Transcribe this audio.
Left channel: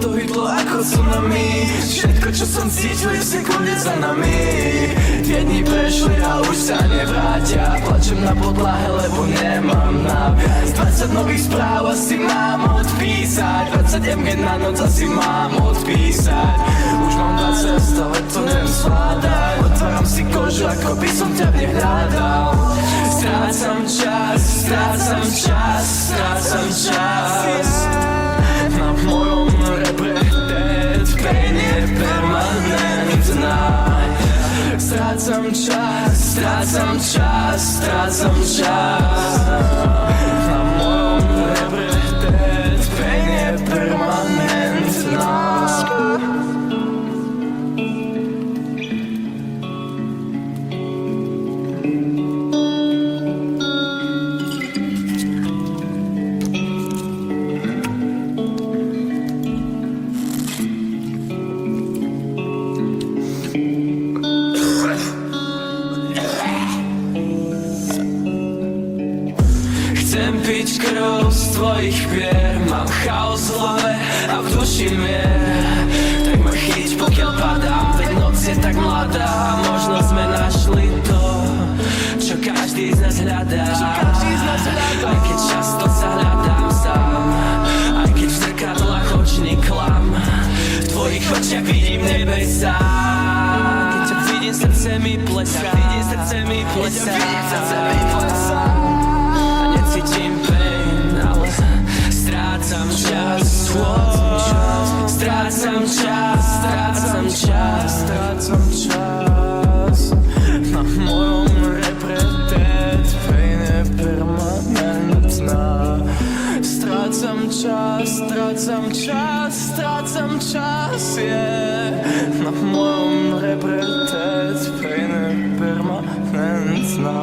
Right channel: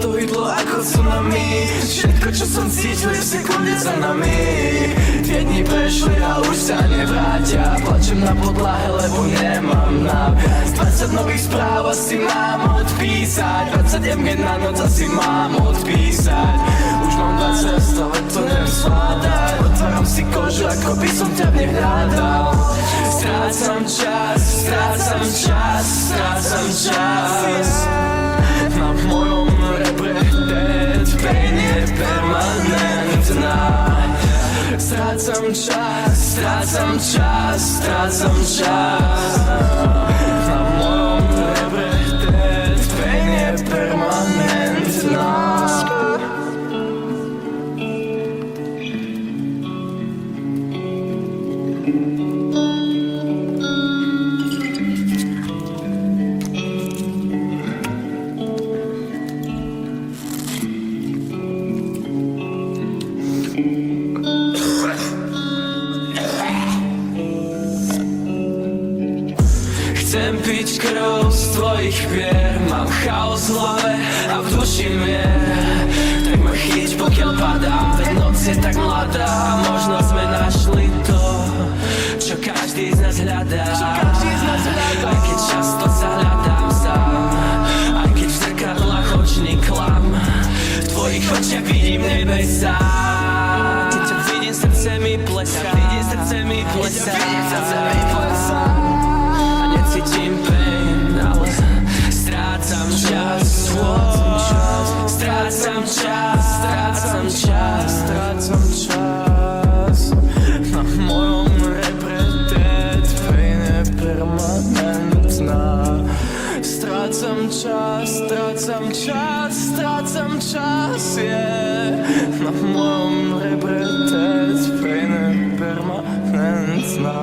to hydlo ako tsunami. Všetko čo som cítil je v sekunde za nami. Tie dni prešli a už sa nevrátia. Plačem na podlahe, lebo nemám náviac. 20 nových správ asi mám odpísať. 20 mg na noc asi mám odpísať. Už mám 20 z toho, to neviem zvládať. Otváram si kožu, ako by som ťa v nej hľadal. Strácam čas, strácam čas, strácam čas. Na mojom rebre dead pain je permanentná. Strácam čas, strácam čas, strácam čas. Na mojom rebre dead pain je permanentná. Chcem piť krv z tvojich pier. Mám chaos v hlave a v duši mier. Tak ma chyť pokiaľ padám, veď noc je tak mladá. Možno sme našli to, čo každý z nás hľadá. Aj keď často sa hľadám sám, aj keď v zrkadlách očný klam. V tvojich očiach vidím nebesá. Keď ťa vidím, srdce mi plesá. Necítim pain, ale strácam čas. Strácam čas, strácam čas, strácam čas. Na mojom rebre dead pain je permanentná. Strácam čas, strácam čas, strácam čas, yeah. Na mojom rebre dead pain je permanentná.